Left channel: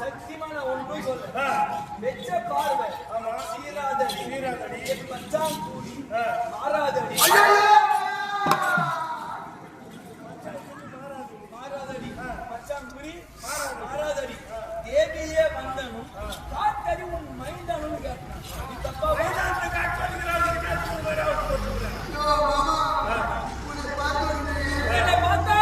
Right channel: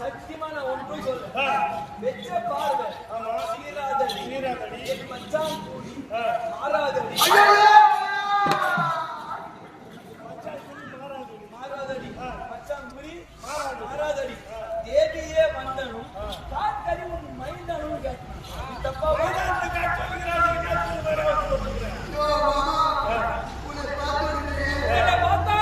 சத்தியமான ஒன்று சொல்ல வெச்ச பார்வை சீராதடி மச்சான் கூடி மாறாதடி மச்சான் குறி மாறாதடி தேவியே வந்தனும் காட்டடி உன் மைந்தனும் கேட்டான் நீ தப்பா மைதானத்தை காட்டு சொல்லுகிறாள் கேட்டு வர போட்டுறேன் மாமா உன்னை பார்த்தா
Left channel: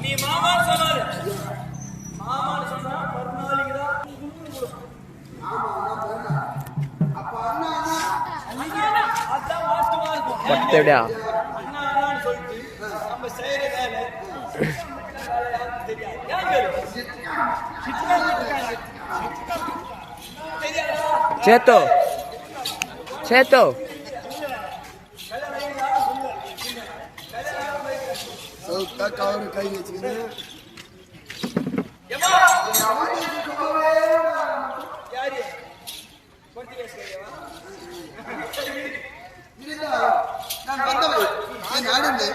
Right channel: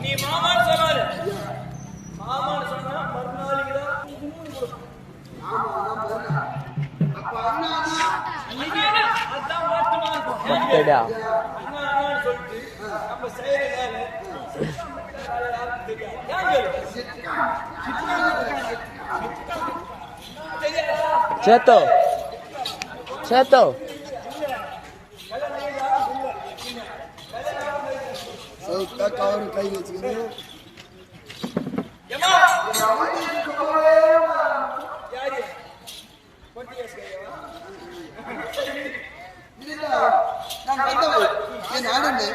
நீ மாமான்னு சொன்னாரு மாமான்னு சொன்னா மறுநாளிக்கு அதான் மாற்றமா இருக்கும் அண்ணா அண்ணான்னு சொல்லிட்டு நம்ம செய்யற வேலை சேத்தோ சேத்தோ கவர் கை வச்சுக்கிறேன் நான் வந்தவன் என் ஆடுன்னு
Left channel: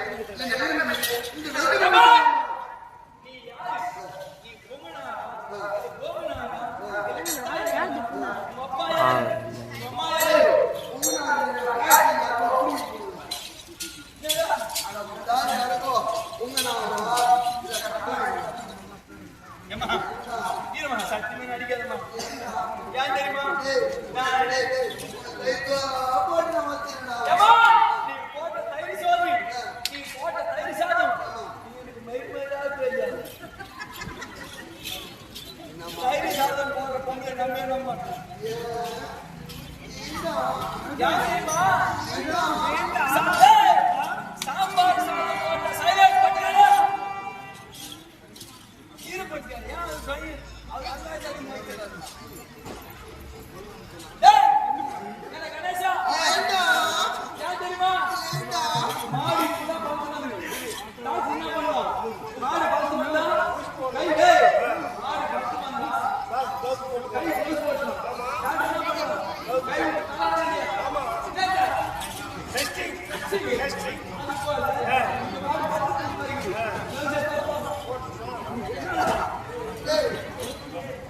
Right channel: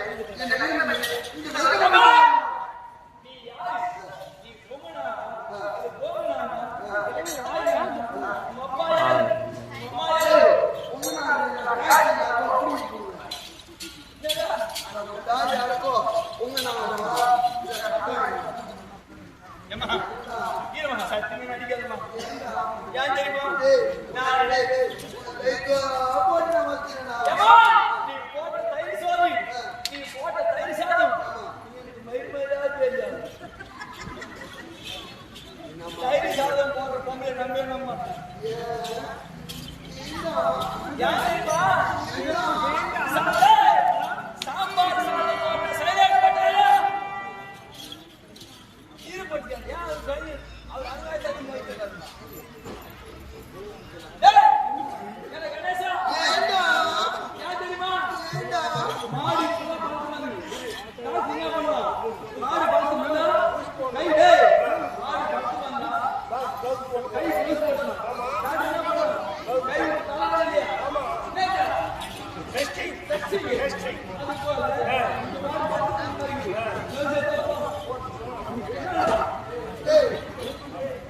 ஏம்மா இருமா சத்தியமே நடிக்காதம்மா ஏன் தெரியுமா ஏம்மா நீ போட்ட தயிர் சாதம் எனக்கு மயிர்மயிரா தெரியாது தயிர் சாதம் போடுற பொம்பளை நம்பவே நம்ப மாட்டேன் சாம்பார் சாதம் போட்ட சைலண்ட் பட்டாயா சீரு பட்டியா அவர் அங்கே கணேசா தெரியுமா மாடு என்ன பண்ணுவான் மாடு படுத்து வந்தா கை மாடு படுத்து வந்தா கை க்ளோஸ் போட்டுரும் என்ன பண்ணுவான் கை தலாடியா ஆமா டெஸ்டிங் அது போல இந்த மாடு படுத்து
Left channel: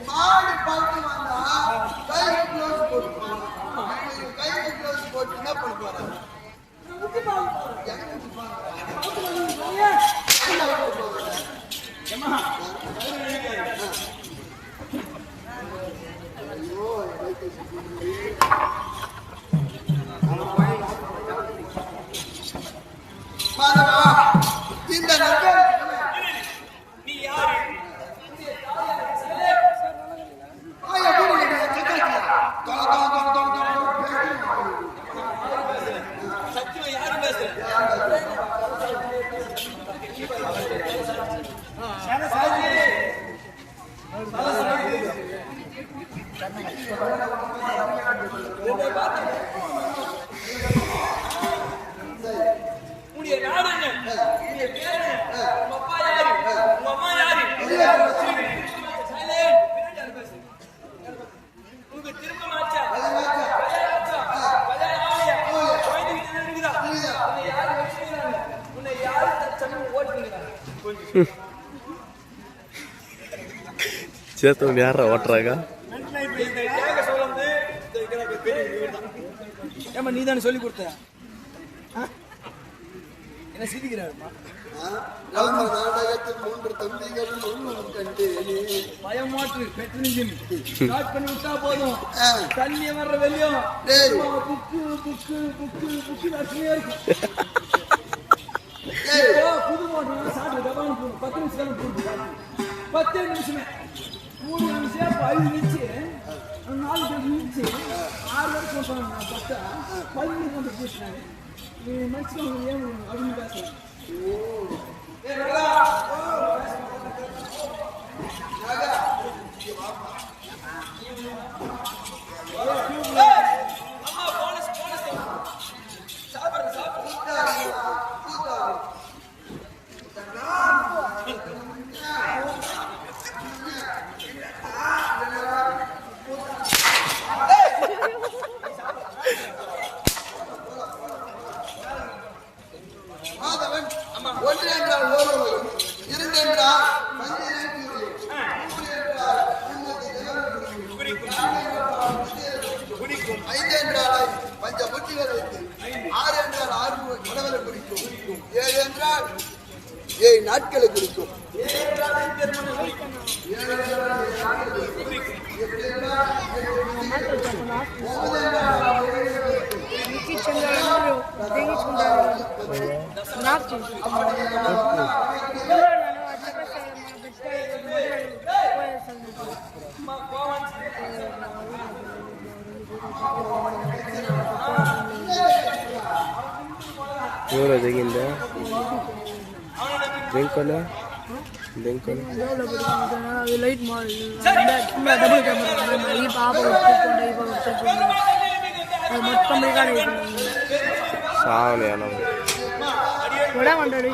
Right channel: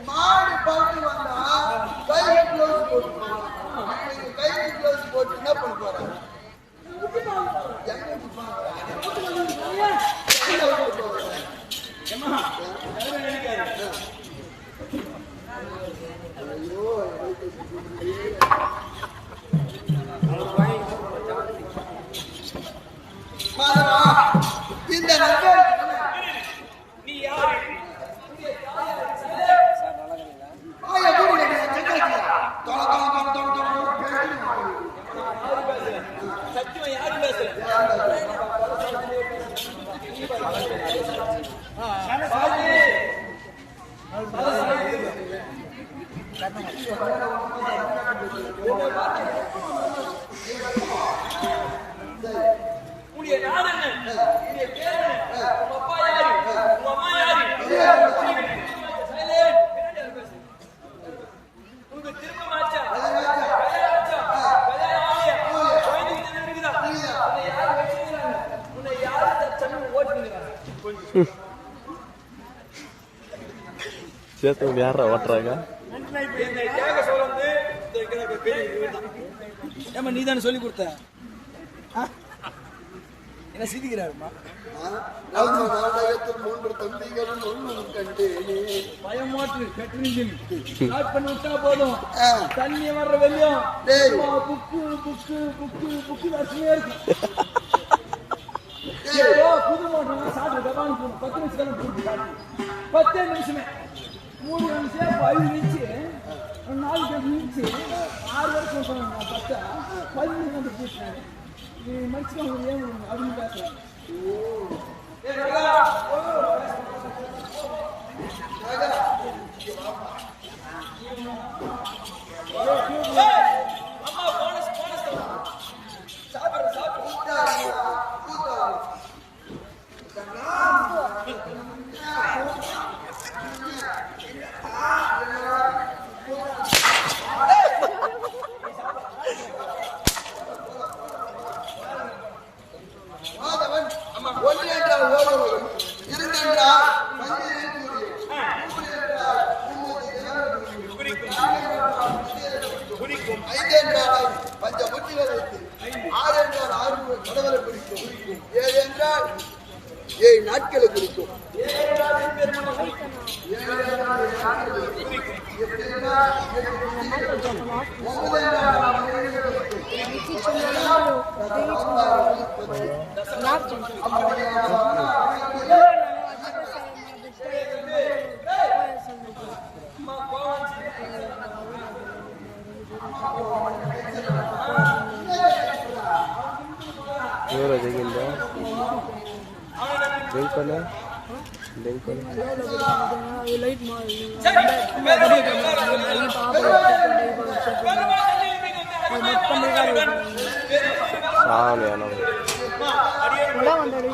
மாடு பழுத்து வந்தா கையில க்ளோஸ் போட்டுப்பாங்க. கையில க்ளோஸ் போட்டு என்ன பண்ண போறாங்க? மாதவா இந்த நண்பர் நீ யாரு ஆயா மூடி சக்காத்தியா தொல சத்தியம் யாரும் பேசல உன்னுடைய நாடு என்ன உன்னுடைய பேர் என்ன உங்க அப்பா யாரு உங்க அம்மா யாரு உனக்கு திருமணம் ஆச்சா கல்யாணம் ஆகலையா குழந்தைங்க இருக்குதா உன்னை யாரு வச்சுக்கிறாங்க உன்னை யாரு தச்சன்னு ஓட்டுங்கிறாங்க சேத்தவங்க யாரா ஓட்டுறாங்க கேட்க சொல்லுறது ஏமா நீ தானே சொல்லி கொடுத்த என்ன சிரிக்கிறாருமா ராம நாடகத்தில் 3 தம்பிகளும் ஒன்றும் கண்டேனே பயமாற்று பெட்ரோல் ஸ்டார்ட் பண்ணி விட்டா போதும் தண்ணி வர்ற வெளியும் புக்கு நச்சுனே இருக்கும் புது மோட்டர் சாப்பிட்டு தபான்னு போகணும் 10 நிமிஷம் போட்டு சாப்பிட்டு 10 நிமிஷமே 3 நிமிஷம் 5 நிமிஷம் 4 நிமிஷம் 6 வரைக்கும் போட்டாங்க 10 நிமிஷம் வந்து பூசினாங்க நீ மனுஷன் ஏன் அப்படின்னு பேசுறாங்க அம்மா போனஸ் சாப்பிடுற மாதவன் ஒன்று என்றால் ஓர்வலகம் 2 என்றால் மஞ்சள் கூறியும் 3 என்றால் குறிக்கும் 5 என்றால் பஞ்ச புத்திகளை வைத்து 6 என்றால் 6 கடவுளை குறிக்கும் 7 என்றால் 7 நாட்களை குறிக்கும் 7 என்றால் பெருமனை குறிக்கும் 8 என்றால் 9 என்றால் அம்மா கோவம் ఎవరు దిగిందా దెంకనా లైట్ సావని అన్న కూడా 100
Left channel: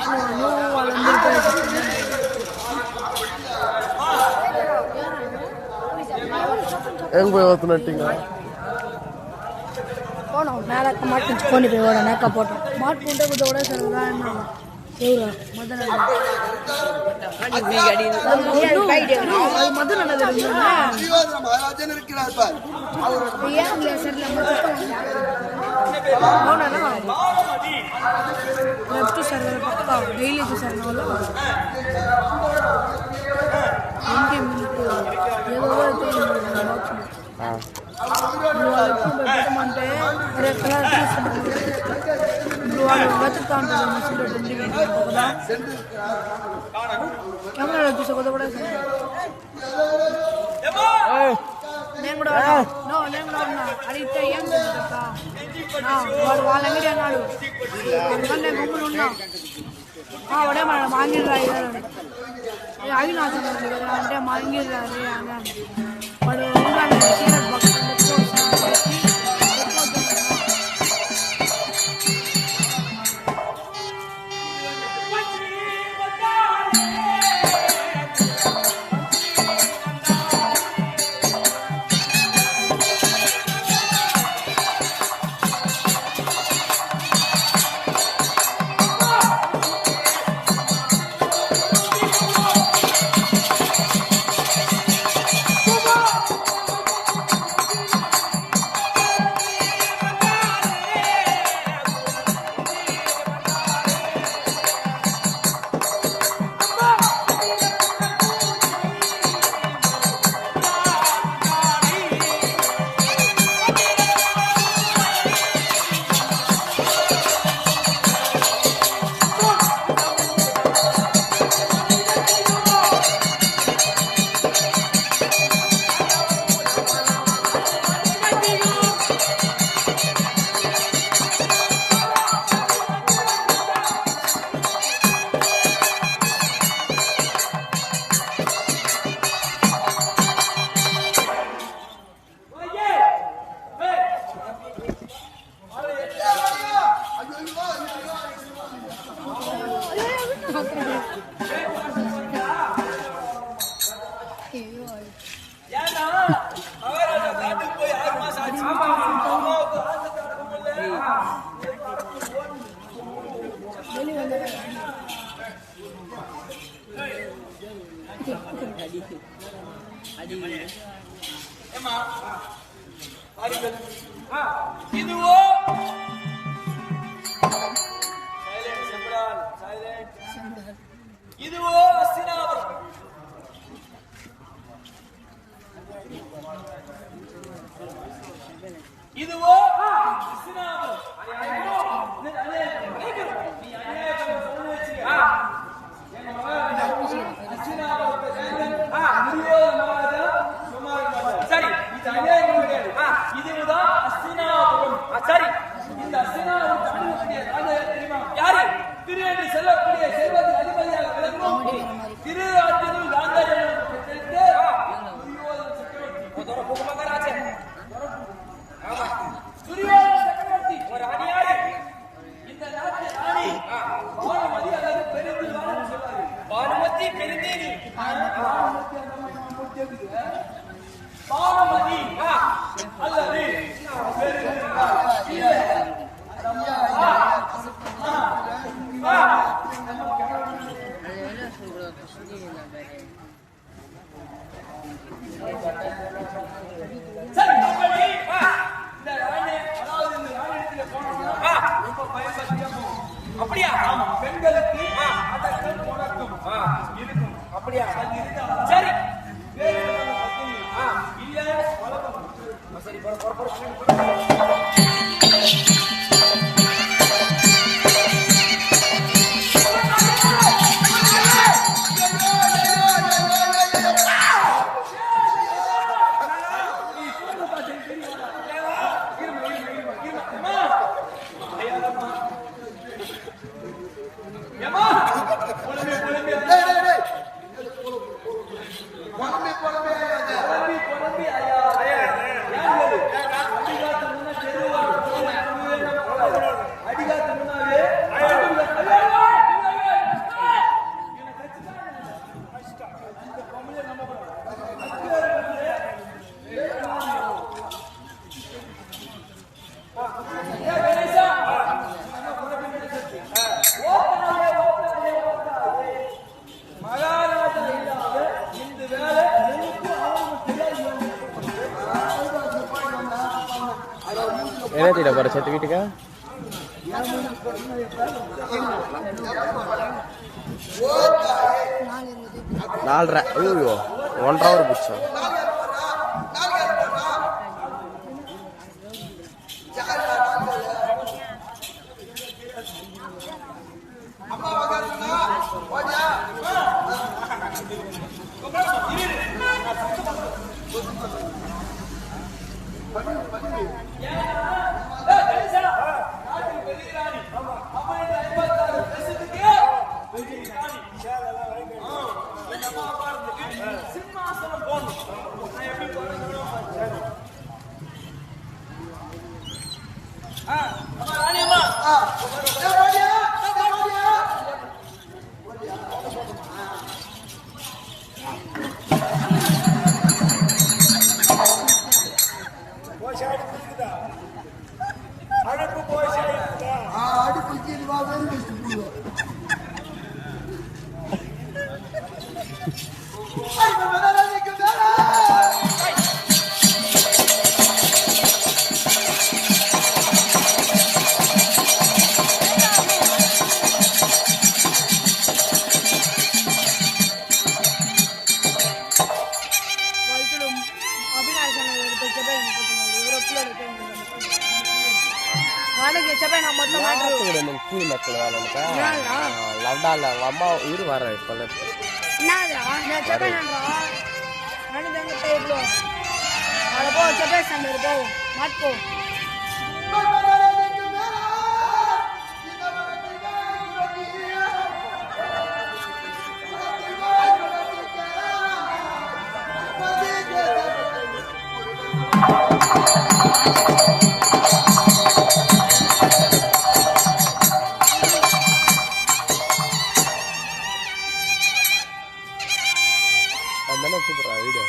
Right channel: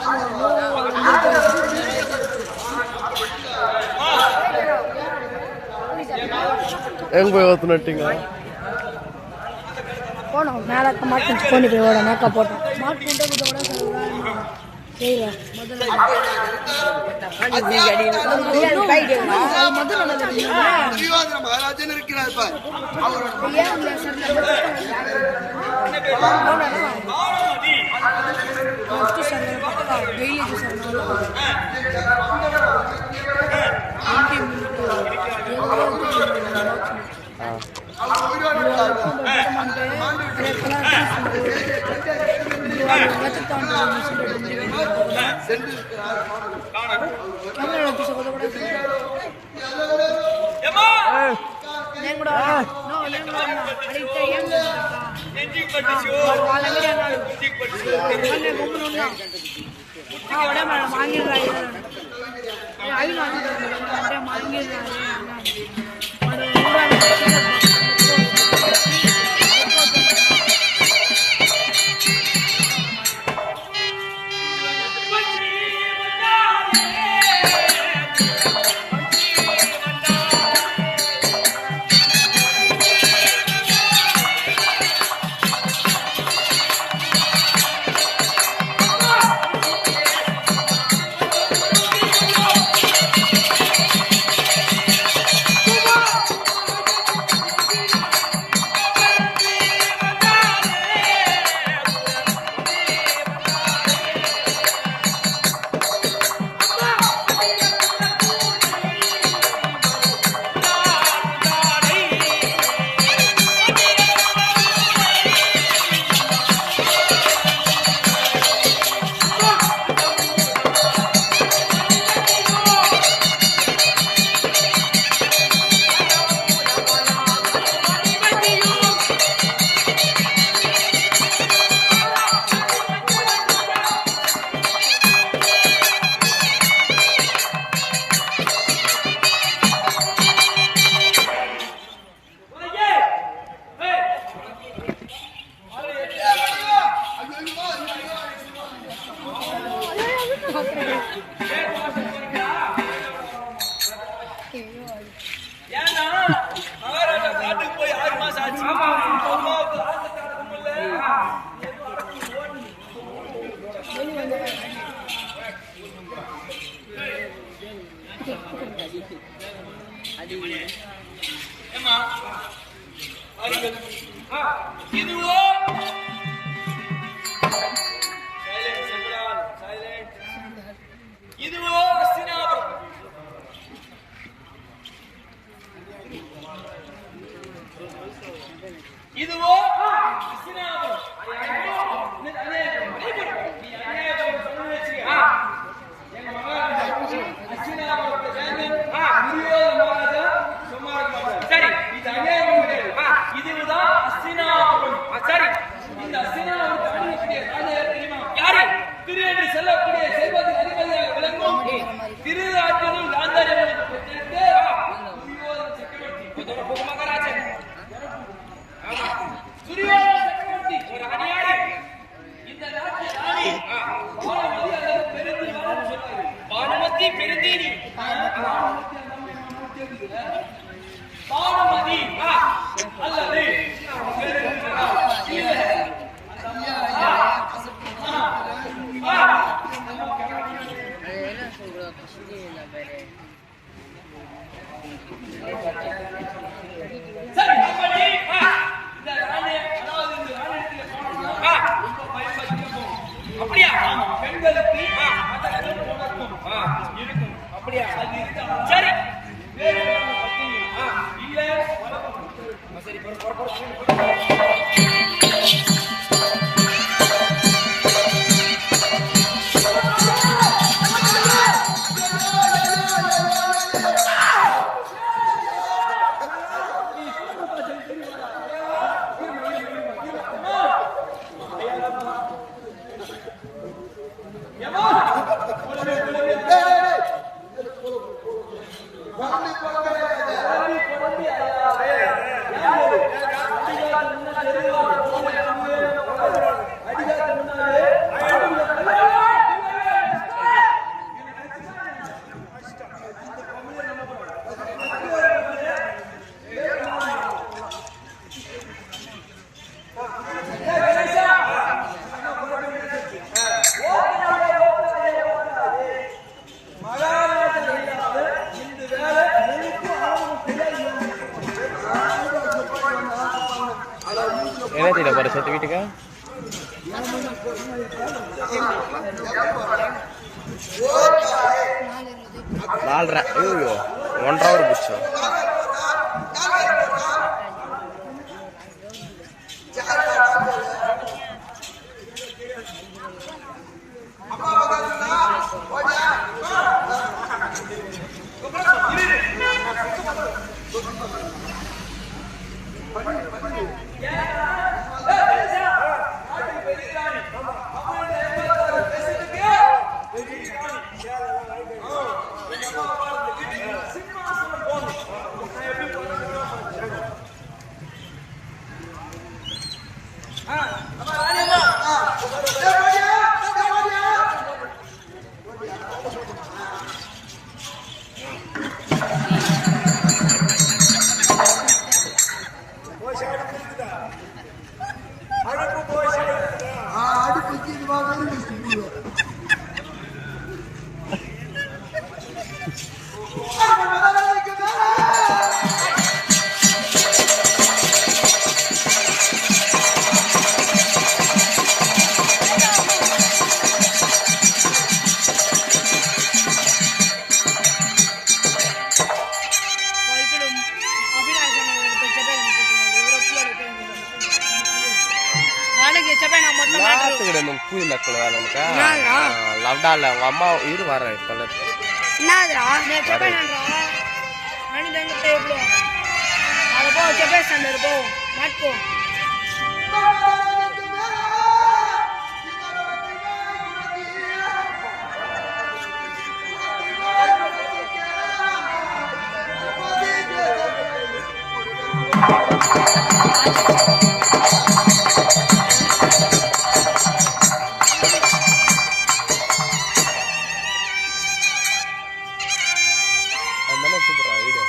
ಹೆಂಗ್ போய் ஓத்துனட்டிங்க போனோம் மேலக்க மாட்டு கொண்டு போய் ஓட மேக்கா போட்டோம் மாட்டுக்கிட்ட கூட சொல்லலாம் மகாராஜன் இருக்கிறார் பார் அவரோட அடுத்து சார் டெய்லி சார் నేను కూడా అడిగితే ఏం వాళ్ళ అన్నాడు గమ్ములు ఉన్నాం అవడే మన మాంగిల్ రాయాలని అవి అంటే మాంగిల్ இதுவோ இதுவோ அஸ்தினாபுரம். இதுவோ அஸ்தினாபுரம். எங்க மகாராஜா அஸ்தினாபுரத்தை மகாராஜா சும்மா இருக்க மாட்டார். சரி, இது அநியாயம் கிடையாது. இதுதான் அஸ்தினாபுரம். சரி, இந்த அஸ்தினாபுரத்தை அணுகக்கூடிய ராஜா யார் தெரியுமா? யாரு? திரு என்று சொல்லக்கூடிய செல்வத்துக்கு அதிபதியாக விளங்கும் திருராஜ்யனும் காந்தாரியம்மனுக்கு பெற்றெடுத்து துரியோதன சக்கரவர்த்தி மகாராஜன். ஆமா, துரியோதன சக்கரவர்த்தி ஒரு அணியாடு. இந்த நாட்டிய ராணி பானுமதி அல்லது பெருந்திருவான்னு சொல்றாரு. பானுமதி பெருந்தேனி. பானுமதி அந்த மாதிரி பானுமதி அல்லது சரி, அப்படி இந்த ராணி, அதாவது இந்த ராணியத்துல போனோம்னா ரொம்ப பயன்படுத்தியா போகும். அப்படியா? ஆமா, பெண்களுக்கு அதற்கும் உனக்கும் இருக்கும். அப்படியா? சரி, வேறு இல்ல சரி, என்ன தெரியல பரிசத்து வீட்டுக்கா நாலரை ஐயோ 1.5 hour பிடிச்சா சிம்மாசனம் போகணும். கூலி மக்கள் வேலை உனக்கா லவ்டால உங்க அம்மா இரு வர இப்ப சூப்பரா வீடியோ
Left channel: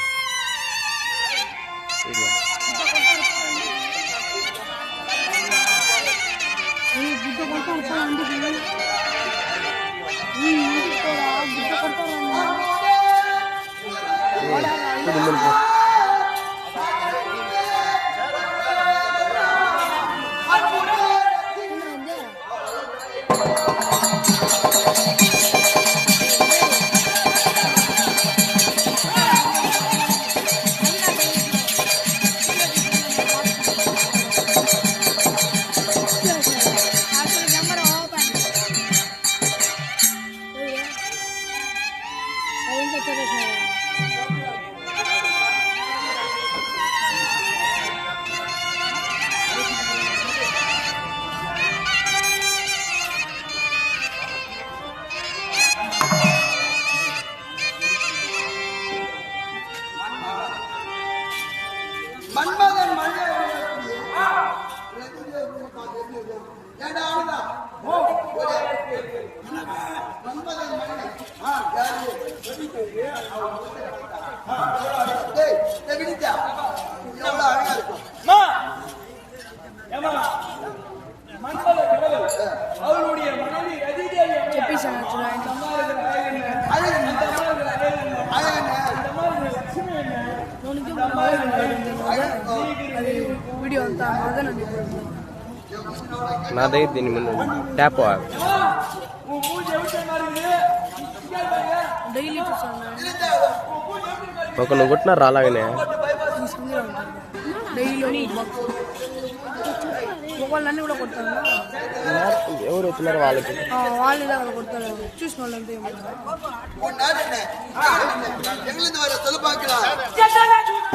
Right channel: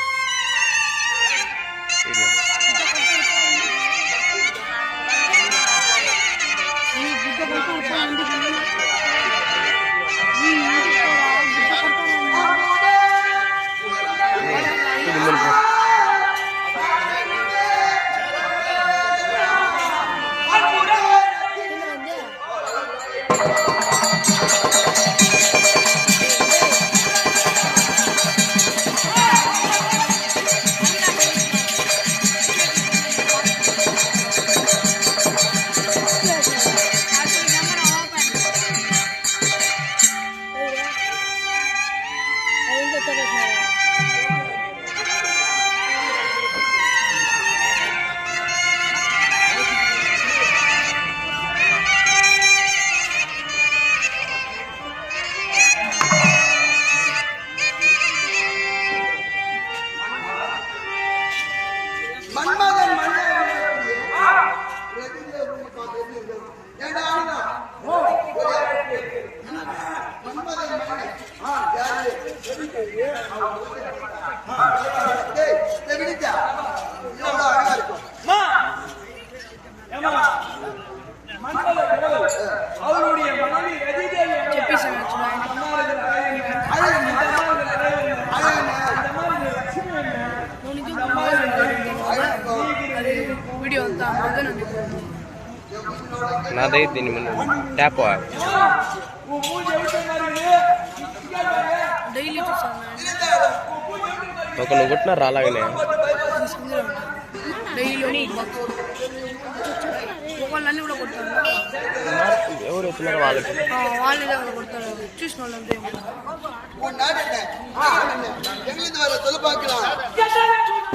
மன்மதன் மன்மதன் அவருடைய மனைவி வீடியோ నాదే దీని ముందు ట్యాప్ డైలీ ఒక నువ్వు కొట్టినారు అలాగనే డైలీ ఒకళ్ళన్నీ కూడా కొడతారు ఎవరు వచ్చినారు వాళ్ళకి వాళ్ళే కొడతారు చూసిన వాళ్ళంతా எங்களுக்கு வர சொல்ல பார்க்கலாம்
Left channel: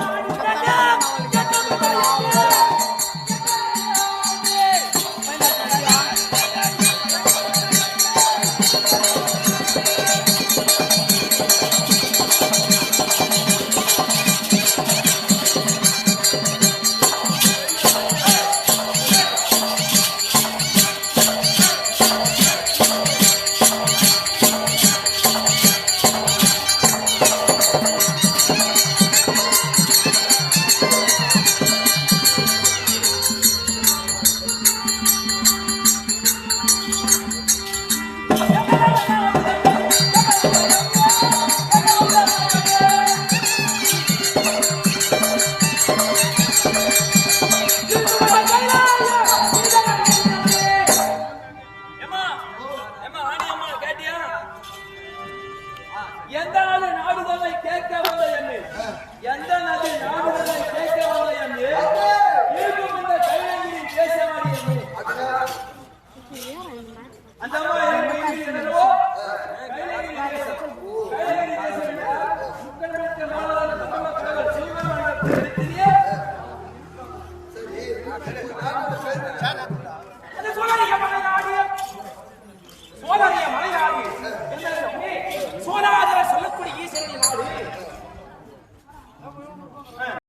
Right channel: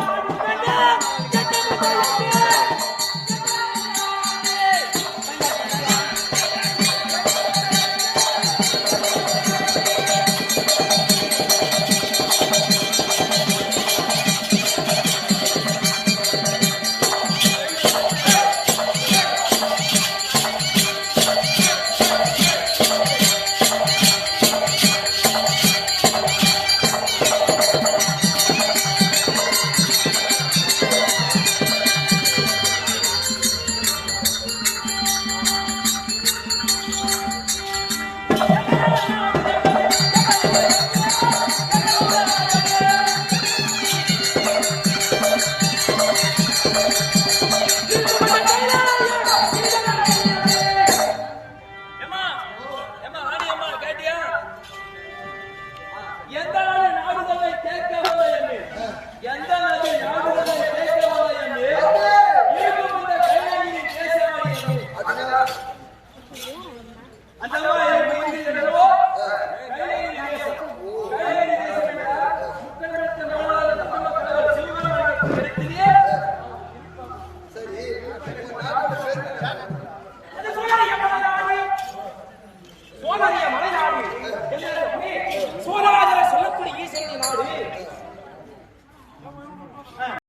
கேட்டியா? எந்த நாடு நாடுதலை கேட்க வந்த எண்ணு, எந்த நதி நாடுதலை கேட்க வந்த எண்ணு, இருக்கும் இந்த கைலகிரி தேசமணி எண்ணு. அந்த அம்மா என்னவோ கைலகிரி தேசம். கைலகிரி தேசம் என்றால் முக்கண்மேற்ற மூலாதார தமிழ் கடவுள் சிவபெருமான் இருக்கிறதே. அது சோழரிய மலைநாடு. சோழரிய மலைநாடு. சோழாதர சொல்லக்கூடிய ஈஸ்வரன் நாடு.